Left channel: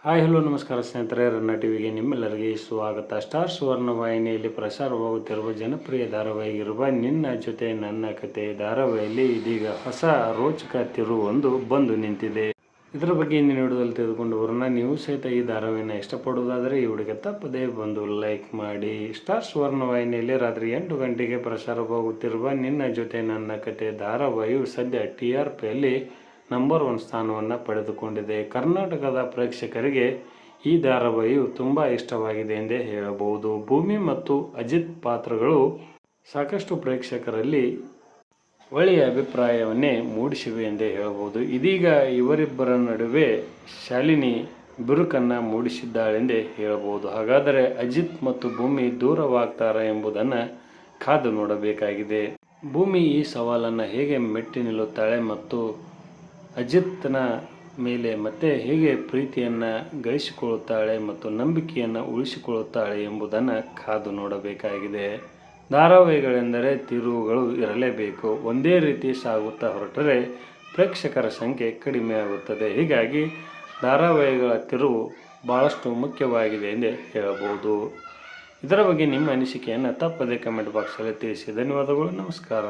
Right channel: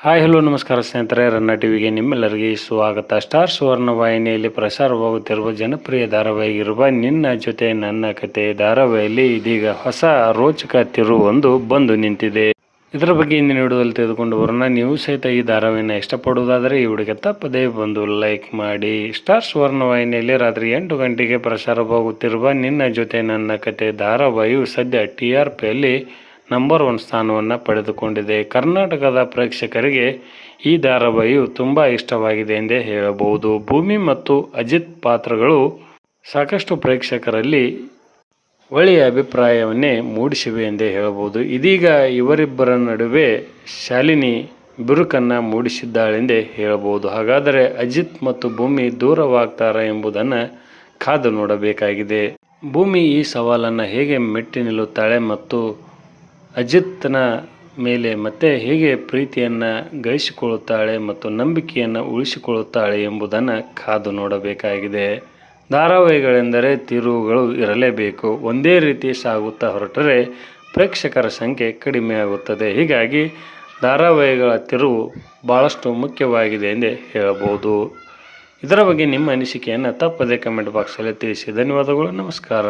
Hi hello ನಮಸ್ಕಾರ ಸ್ನೇಹಿತರೆ, ರನ್ನ ಟಿವಿಗೆ ನಿಮ್ಮೆಲ್ಲರಿಗೆ ಸ್ವಾಗತ. ಸ್ಟಾರ್ ಸುವರ್ಣ ವಾಹಿನಿಯಲ್ಲಿ ಪ್ರಸಾರವಾಗುತ್ತಿರುವ ಜನಪ್ರಿಯ ಧಾರಾವಾಹಿಗಿರುವ ನಿನ್ನ ಜೊತೆ ನನ್ನ ಕತೆ ಧಾರಾವಾಹಿಯಲ್ಲಿ ಇದೀಗ ಹೊಸ ರೋಚಕ ತಿರುವೊಂದು ಬಂದು ನಿಂತಿದೆ. ಇದರ ಬಗ್ಗೆ ಇಂದಿನ ವಿಡಿಯೋದಲ್ಲಿ ತೆಗೆದುಕೊಂಡು ಬರೋಣ. ನೀವು ಸಹಿತ ಈ ಧಾರಾವಾಹಿನ ಇಷ್ಟಪಡುವುದಾದರೆ ಈ ವಿಡಿಯೋಗೆ ತಪ್ಪದೇ ಬಂದು ಲೈಕ್ ಮಾಡಿ. ಸ್ಟಾರ್ ಸುವರ್ಣ ವಾಹಿನಿಯಲ್ಲಿ ರಾತ್ರಿ 8 ಗಂಟೆಗೆ ಪ್ರಸಾರವಾಗುತ್ತಿರುವ ನಿನ್ನ ಜೊತೆ ನನ್ನ ಕತೆ ಧಾರಾವಾಹಿಯು ಸದ್ಯ TRPಯಲ್ಲಿ ನಂಬರ್ 1 ಸ್ಥಾನವನ್ನು ಪಡೆದುಕೊಂಡಿದೆ. ಕರ್ನಾಟಕದ ಪ್ರೇಕ್ಷಕರಿಗೆ ಈ ಧಾರಾವಾಹಿಯು ತುಂಬ ಇಷ್ಟವಾಗಿದೆ ಎಂದೇ ಹೇಳಬಹುದು. ಭೂಮಿ ಮತ್ತು ಅಜಿತ್ ಪಾತ್ರಗಳು ಸಾಕಷ್ಟು ಪ್ರೇಕ್ಷಕರಲ್ಲಿ ಒಳ್ಳೆಯ ಅಭಿಪ್ರಾಯವನ್ನೇ ಮೂಡಿಸಿವೆ ಎಂದೇ ಹೇಳಬಹುದು. ಇದೀಗ ಇವರಿಬ್ಬರ ನಡುವೆ ಶಾಲಿನಿ ಬಿರುಕನ್ನು ಮೂಡಿಸಿದ್ದಾಳೆಂದೇ ಹೇಳಬಹುದು. ಹಾಗಾದರೆ ಅಜಿತ್ ಮತ್ತು ಭೂಮಿ ದೂರವಾಗ್ತಾರಾ ಎಂಬುದನ್ನು ಕಾದು ನೋಡಬೇಕಾಗಿದೆ. ಭೂಮಿ ಈ ಸವಾಲನ್ನು ಹೇಗೆ ಮೆಟ್ಟಿ ನಿಲ್ಲುತ್ತಾಳೆ ಮತ್ತು ಅಜಿತ್ನ ಮೇಲೆ ಮತ್ತೆ ಹೇಗೆ ಪ್ರೀತಿಯನ್ನು ಗಳಿಸಿಕೊಳ್ಳುತ್ತಾಳೆ ಮತ್ತು ನಂಬಿಕೆಯನ್ನು ಉಳಿಸಿಕೊಳ್ಳುತ್ತಾಳೆ ಎಂಬುದನ್ನು ಕಾದು ನೋಡಬೇಕಾಗಿದೆ. ಧಾರಾವಾಹಿಗಳೆಂದರೆ ತಿರುವುಗಳು ಇರಲೇಬೇಕು. ಒಂದೇ ರೀತಿ ಸಾಗುತ್ತಾ ಹೊರಟರೆ ಪ್ರೇಕ್ಷಕರ ಸಂಖ್ಯೆ ಕಡಿಮೆಯಾಗುತ್ತದೆ. ಹೀಗಾಗಿ ಧಾರಾವಾಹಿಗಳ ತಿರುವು ಭಾಳಷ್ಟು ಮುಖ್ಯವಾಗಿದೆ ಎಂದೇ ಹೇಳಬಹುದು. ಇದರ ಬಗ್ಗೆ ನಿಮ್ಮ ಅನಿಸಿಕೆಯನ್ನು ತಪ್ಪದೇ ಕಮೆಂಟ್ ಬಾಕ್ಸಲ್ಲಿ ತಿಳಿಸಿ. ಧನ್ಯವಾದಗಳು. ನಮಸ್ಕಾರ.